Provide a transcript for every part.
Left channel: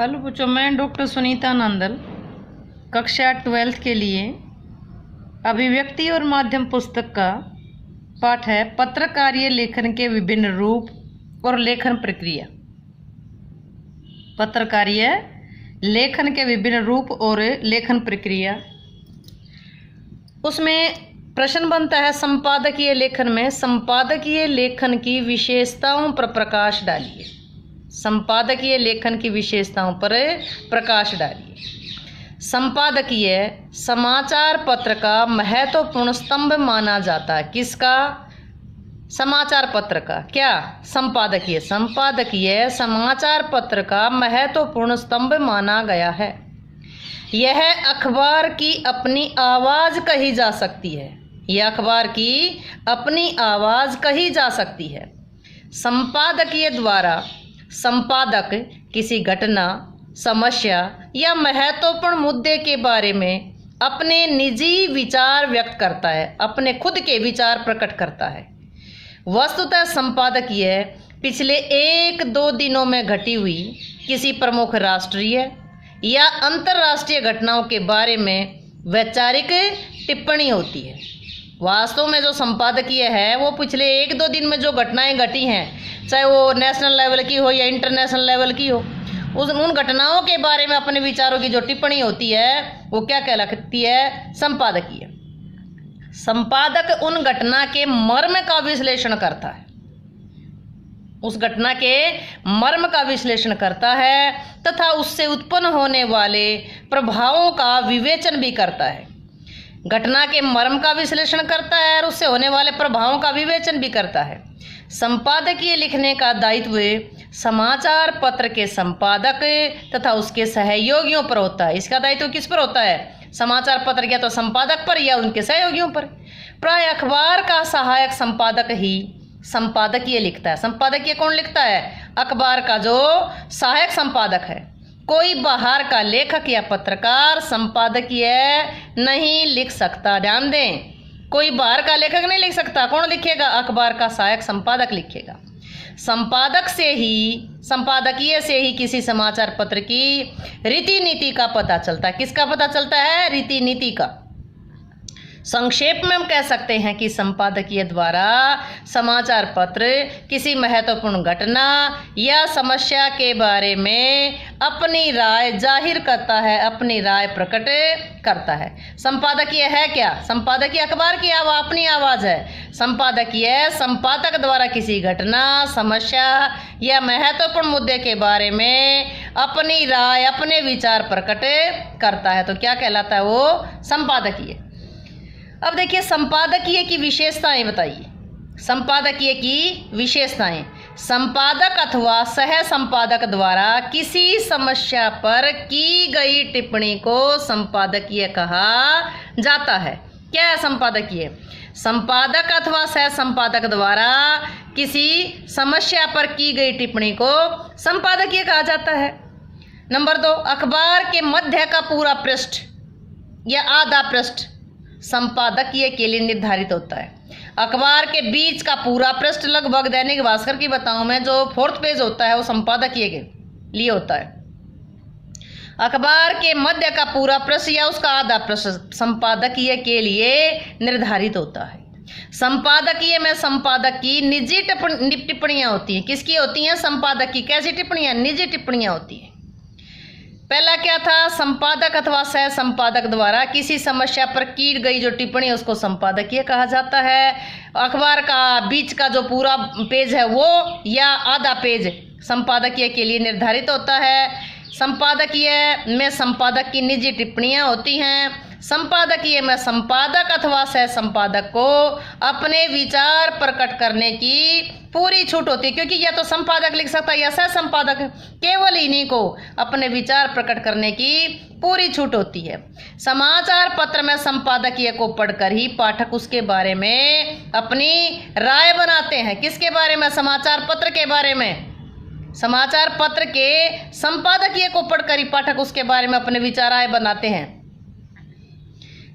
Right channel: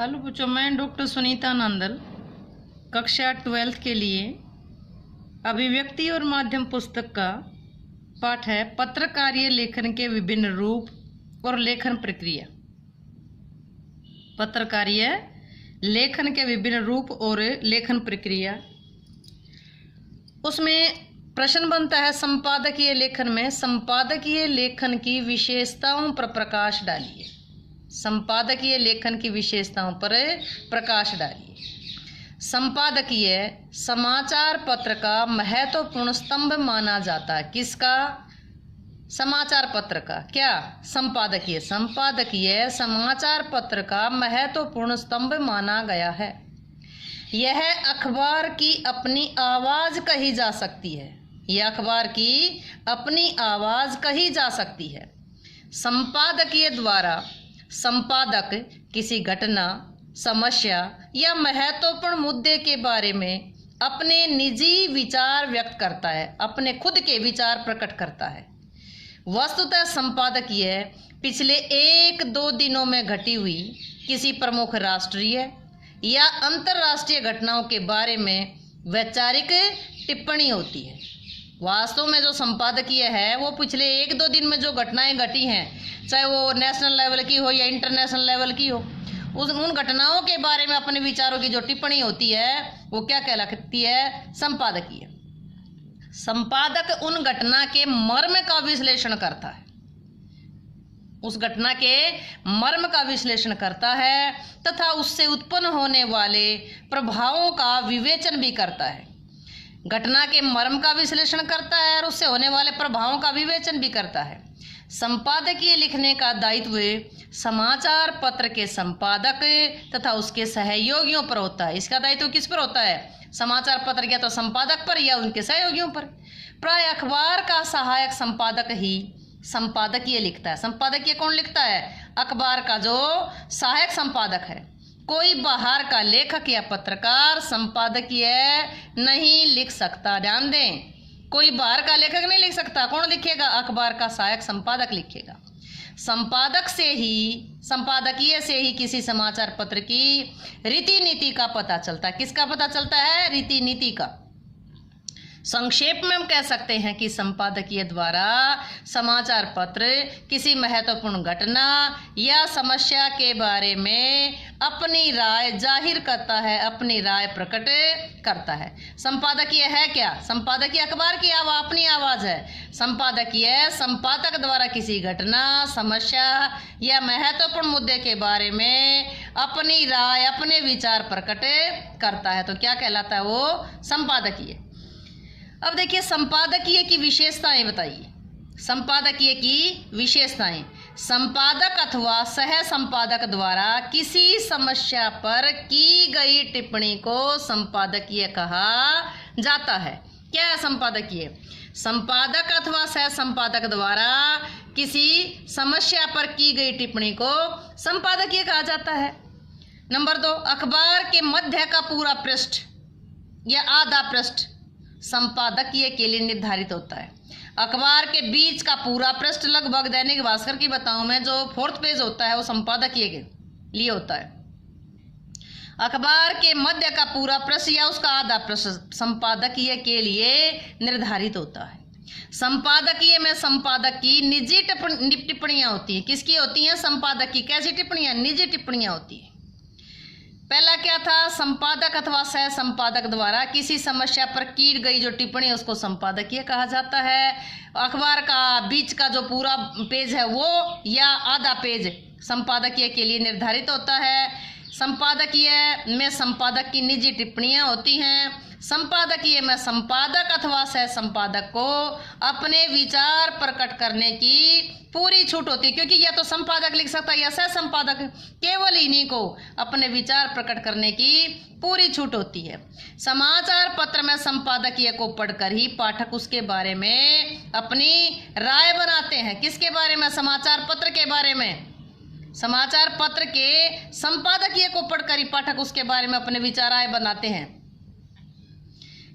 Hello बच्चों, मैं doctor Sunita Nandal कक्षा 12th के लिए अभिव्यक्ति और माध्यम पुस्तक का पाठ है पत्रकारीय लेखन के विभिन्न रूप और लेखन प्रक्रिया। पत्रकारीय लेखन के विभिन्न रूप और लेखन प्रक्रिया। उसमें प्रश्न बनता है संपादकीय लेखन में संपादकीय लेखन की विशेषताओं पर प्रकाश डालिए। संपादकीय लेखन की विशेषताओं पर प्रकाश डालिए। संपादकीय समाचार पत्र का महत्वपूर्ण स्तंभ माना जाता है। किसका? समाचार पत्र का। क्या? संपादकीय समाचार पत्र का महत्वपूर्ण स्तंभ माना गया है। यह अखबार की अपनी आवाज कही जा सकती है। यह अखबार की अपनी आवाज कही जा सकती है। संपादकीय द्वारा संपादक किसी घटना, समस्या या महत्वपूर्ण मुद्दे के बारे में अपने निजी विचार व्यक्त करता है, अपने खुद के विचार प्रकट करता है। वस्तुतः संपादकीय पिछले 1-2 दिनों में घटी हुई किसी प्रमुख राष्ट्रीय या अंतर्राष्ट्रीय घटनाओं के बारे में वैचारिक टिप्पणी होती है। वास्तव में जो संपादकीय है वो पिछले 1-2 दिन में जो घटनाएं घटी हैं, चाहे वो नेशनल लेवल की हो या इंटरनेशनल लेवल की हो, उन घटनाओं के बारे में अपने विचारों की जो टिप्पणी होती है वो क्या कहलाती है? संपादकीय। संपादक उन घटना के मर्म का विश्लेषण करता है, उस घटना के मर्म का विश्लेषण करता है तथा उससे उत्पन्न होने वाले प्रभावों का विवेचन भी करता है। घटना के मर्म का विश्लेषण करता है और उससे होने वाले प्रभावों का विवेचन भी करता है। संपादकीय लिखने का दायित्व समाचार पत्र के संपादक तथा उसके सहयोगियों पर होता है। इसका दायित्व किस पर होता है? समाचार पत्र या तो संपादक पर या उनके सहयोगियों पर। प्राय अखबार का सहायक संपादक ही संपादकीय लिखता है। संपादकीय कौन लिखता है? अखबार का जो सहायक संपादक है। कोई बाहर का लेखक या पत्रकार संपादकीय नहीं लिख सकता। ध्यान दें, कोई बाहर का लेखक नहीं लिख सकता। कौन लिखेगा? अखबार का सहायक संपादक लिखेगा। संपादकीय से ही किसी समाचार पत्र की रीति नीति का पता चलता है। किसका पता चलता है? रीति नीति का। संक्षेप में हम कह सकते हैं कि संपादकीय द्वारा समाचार पत्र किसी महत्वपूर्ण घटना या समस्या के बारे में अपनी राय जाहिर करता है, अपनी राय प्रकट करता है। संपादकीय है क्या? संपादकीय अखबार की अपनी आवाज है। संपादकीय संपादक द्वारा किसी घटना, समस्या या महत्वपूर्ण मुद्दे के बारे में अपनी राय, अपने विचार प्रकट करता है। तो क्या कहलाता है वो? संपादकीय। अब देखिए संपादकीय की विशेषताएं बताइए। संपादकीय की विशेषताएं: संपादक अथवा सह संपादक द्वारा किसी समस्या पर की गई टिप्पणी को संपादकीय कहा जाता है। क्या है संपादकीय? संपादक अथवा सह संपादक द्वारा किसी समस्या पर की गई टिप्पणी को संपादकीय कहा जाता है। नंबर 2, अखबार के मध्य का पूरा पृष्ठ या आधा पृष्ठ संपादकीय के लिए निर्धारित होता है। अखबार के बीच का पूरा पृष्ठ, लगभग दैनिक भास्कर की बताऊं मैं, जो 4th पेज होता है वो संपादकीय के लिए होता है। अखबार के मध्य का पूरा पृष्ठ या उसका आधा पृष्ठ संपादकीय के लिए निर्धारित होता है। संपादकीय में संपादक की निजी टिप्पणियां होती हैं। किसकी होती हैं? संपादक की। कैसी टिप्पणियां? निजी टिप्पणियां होती हैं। पहला क्या था? संपादक अथवा सह संपादक द्वारा किसी समस्या पर की गई जो टिप्पणी उसको संपादकीय कहा जाता है। अखबार का बीच का जो पूरा पेज है वो या आधा पेज संपादकीय के लिए निर्धारित होता है। संपादकीय में संपादक की निजी टिप्पणियां होती हैं। संपादकीय में संपादक अथवा सह संपादक को अपने विचार प्रकट करने की पूरी छूट होती है, क्योंकि या तो संपादक लिख सकता है या सह संपादक, केवल इन्हीं को अपने विचार प्रकट करने की पूरी छूट होती है। समाचार पत्र में संपादकीय को पढ़कर ही पाठक उसके बारे में अपनी राय बनाते हैं। किसके बारे में? समाचार पत्र के बारे में। समाचार पत्र के संपादकीय को पढ़कर ही पाठक उसके बारे में अपने विचार राय बनाते हैं।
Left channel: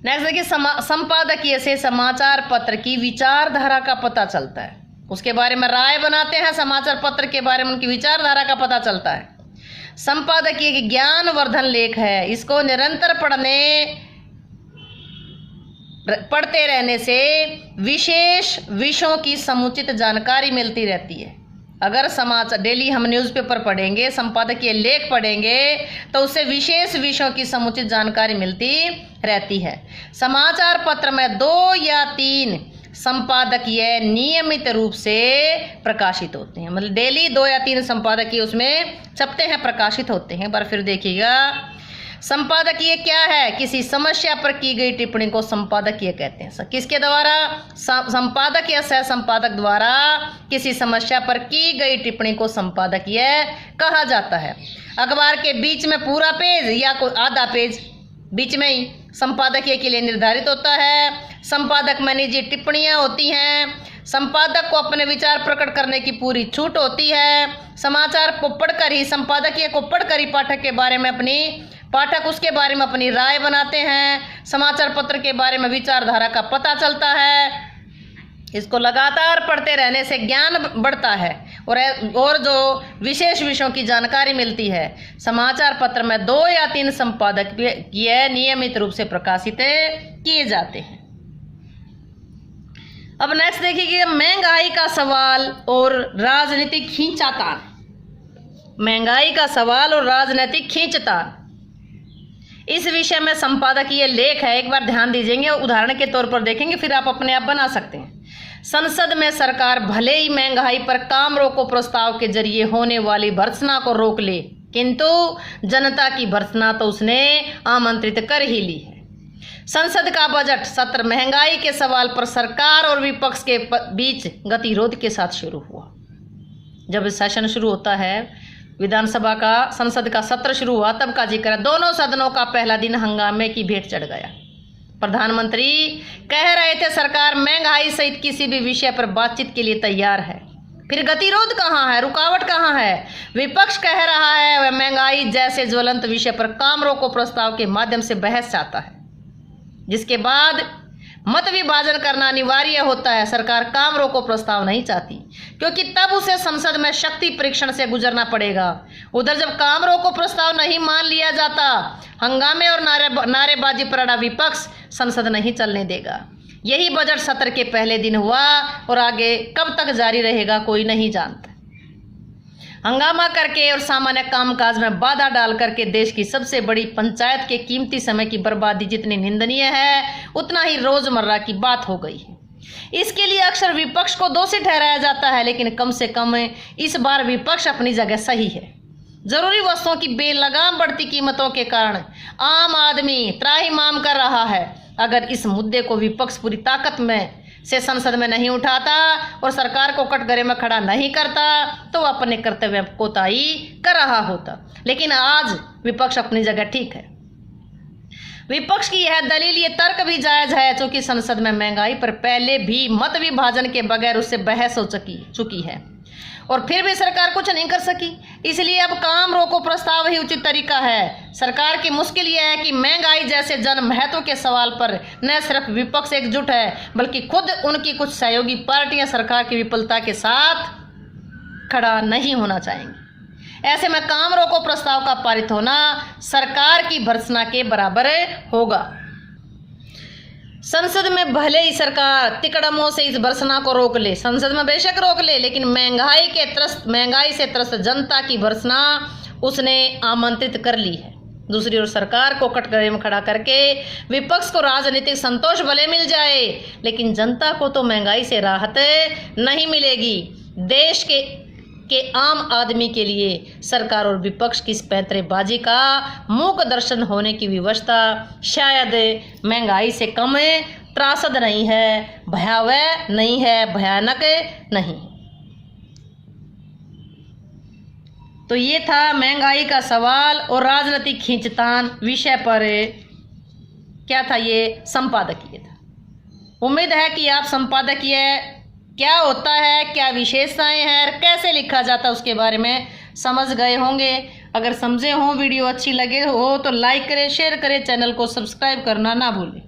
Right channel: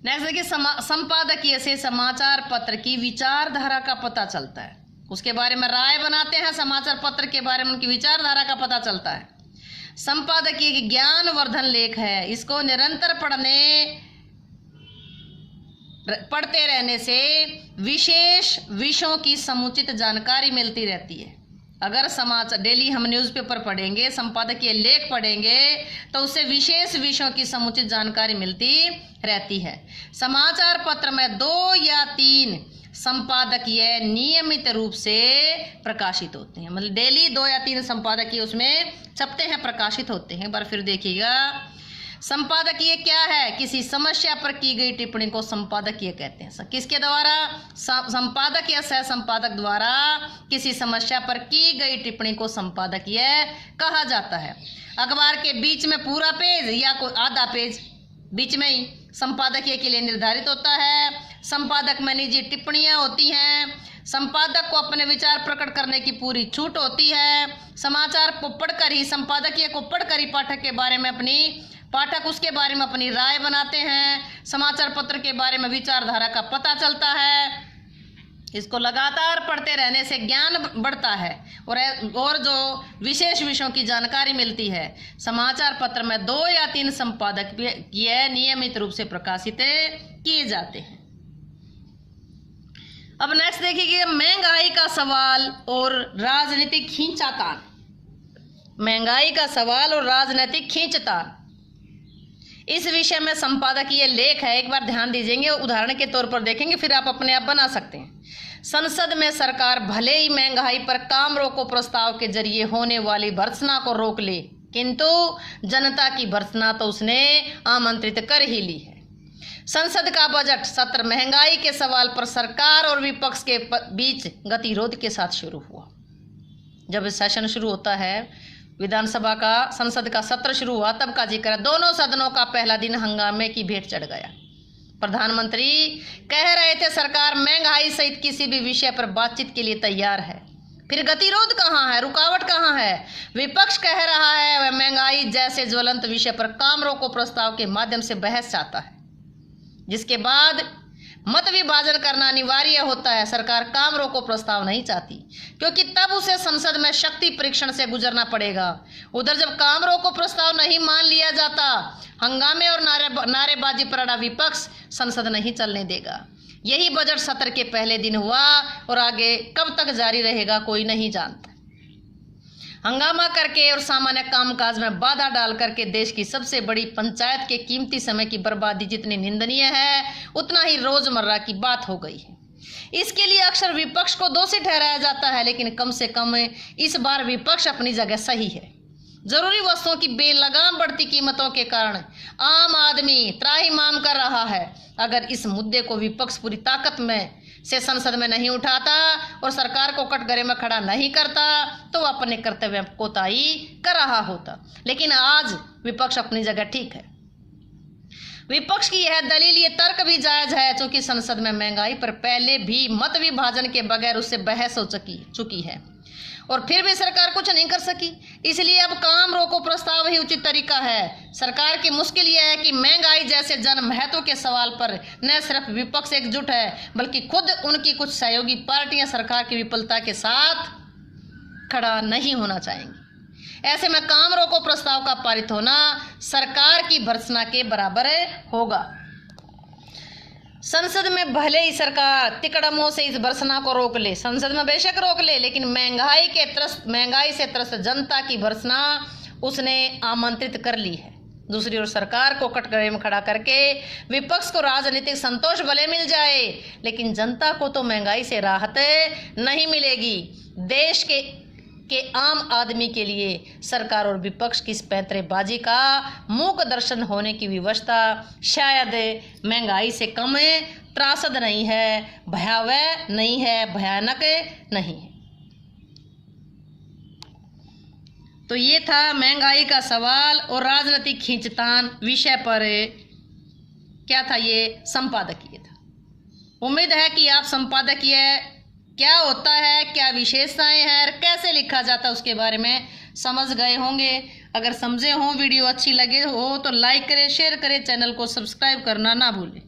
नेक्स्ट देखिए, संपादकीय से समाचार पत्र की विचारधारा का पता चलता है। उसके बारे में राय बनाते हैं, समाचार पत्र के बारे में उनकी विचारधारा का पता चलता है। संपादकीय एक ज्ञानवर्धन लेख है। इसको निरंतर पढ़ते रहने से विशेष विषयों की समुचित जानकारी मिलती रहती है। अगर समाचार डेली हम न्यूज़पेपर पढ़ेंगे, संपादकीय लेख पढ़ेंगे, तो उससे विशेष विषयों की समुचित जानकारी मिलती रहती है। समाचार पत्र में 2 या 3 संपादकीय नियमित रूप से प्रकाशित होते हैं। मतलब डेली 2 या 3 संपादकीय उसमें छपते हैं, प्रकाशित होते हैं। एक बार फिर देखिएगा, संपादकीय क्या है? किसी समस्या पर की गई टिप्पणी को संपादकीय कहते हैं। किसके द्वारा? संपादक या सह संपादक द्वारा किसी समस्या पर की गई टिप्पणी को संपादकीय कहा जाता है। अखबार के बीच में पूरा पेज या कोई आधा पेज बीच में ही संपादकीय के लिए निर्धारित होता है। संपादक में निजी टिप्पणियां होती हैं। संपादक को अपने विचार प्रकट करने की पूरी छूट होती है। समाचार को पढ़कर ही, संपादकीय को पढ़कर ही पाठक उसके बारे में अपनी राय बनाते हैं। समाचार पत्र के बारे में विचारधारा का पता चलता है। इसको लगातार पढ़ते रहने से ज्ञान बढ़ता है और जो विशेष विषयों की जानकारी मिलती है। समाचार पत्र में 2 या 3 संपादकीय नियमित रूप से प्रकाशित किए जाते हैं। अब नेक्स्ट देखिए, महंगाई का सवाल और राजनीतिक खींचातान। महंगाई का सवाल और राजनीतिक खींचतान, इस विषय में संपादकीय लेख है। एक बार ध्यान दीजिएंगे, उदाहरण के तौर पर देखेंगे, फिर आप अपने आप बना सकते हैं। संसद में सरकार भले ही महंगाई पर काम रोको प्रस्ताव के जरिए होने वाली भर्त्सना को रोक ले, किंतु जनता की भर्त्सना तो उसने आमंत्रित कर ही ली है। संसद का बजट सत्र महंगाई के सवाल पर सरकार और विपक्ष के बीच गतिरोध के साथ शुरू हुआ। जब सेशन शुरू होता है, विधानसभा का, संसद का सत्र शुरू हुआ, तब का जिक्र है। दोनों सदनों का पहला दिन हंगामे की भेंट चढ़ गया। प्रधानमंत्री कह रहे थे सरकार महंगाई सहित किसी भी विषय पर बातचीत के लिए तैयार है। फिर गतिरोध कहाँ है, रुकावट कहाँ है? विपक्ष कह रहा है वह महंगाई जैसे ज्वलंत विषय पर काम रोको प्रस्ताव के माध्यम से बहस चाहता है, जिसके बाद मत विभाजन करना अनिवार्य होता है। सरकार काम रोको प्रस्ताव नहीं चाहती, क्योंकि तब उसे संसद में शक्ति परीक्षण से गुजरना पड़ेगा। उधर जब काम रोको प्रस्ताव नहीं मान लिया जाता, हंगामे और नारेबाजी पर अड़ा विपक्ष संसद नहीं चलने देगा। यही बजट सत्र के पहले दिन हुआ और आगे कब तक जारी रहेगा कोई नहीं जानता। हंगामा करके और सामान्य कामकाज में बाधा डाल करके देश की सबसे बड़ी पंचायत के कीमती समय की बर्बादी जितनी निंदनीय है, उतना ही रोजमर्रा की बात हो गई है। इसके लिए अक्सर विपक्ष को दोषी ठहराया जाता है, लेकिन कम से कम इस बार विपक्ष अपनी जगह सही है। जरूरी वस्तुओं की बेलगाम बढ़ती कीमतों के कारण आम आदमी त्राहिमाम कर रहा है। अगर इस मुद्दे को विपक्ष पूरी ताकत में से संसद में नहीं उठाता और सरकार को कटघरे में खड़ा नहीं करता, तो वह अपने कर्तव्य कोताही कर रहा होता। लेकिन आज विपक्ष अपनी जगह ठीक है। विपक्ष की यह दलील, ये तर्क भी जायज है, क्योंकि संसद में महंगाई पर पहले भी मत विभाजन के बगैर उससे बहस हो चुकी है और फिर भी सरकार कुछ नहीं कर सकी। इसलिए अब काम रोको प्रस्ताव ही उचित तरीका है। सरकार की मुश्किल यह है कि महंगाई जैसे जन महत्व के सवाल पर न सिर्फ विपक्ष एकजुट है, बल्कि खुद उनकी कुछ सहयोगी पार्टियां सरकार की विफलता के साथ खड़ा नहीं होना चाहेंगी। ऐसे में काम रोको प्रस्ताव का पारित होना सरकार की भर्त्सना के बराबर होगा। संसद में भले ही सरकार तिकड़मों से इस भर्त्सना को रोक ले, संसद में बेशक रोक ले, लेकिन महंगाई से त्रस्त जनता की भर्त्सना उसने आमंत्रित कर ली है। दूसरी ओर सरकार को कटघरे में खड़ा करके विपक्ष को राजनीतिक संतोष भले मिल जाए, लेकिन जनता को तो महंगाई से राहत नहीं मिलेगी। देश के आम आदमी के लिए सरकार और विपक्ष की इस पैंतरेबाजी का मूक दर्शन होने की व्यवस्था शायद महंगाई से कम त्रासद नहीं है, भयावह नहीं है, भयानक नहीं है। तो ये था महंगाई का सवाल और राजनीतिक खींचतान विषय पर क्या था, ये संपादकीय था। उम्मीद है कि आप संपादकीय क्या होता है, क्या विशेषताएं हैं, कैसे लिखा जाता है उसके बारे में समझ गए होंगे। अगर समझे हो, वीडियो अच्छी लगे हो तो लाइक करें, शेयर करें, चैनल को सब्सक्राइब करना ना भूलें।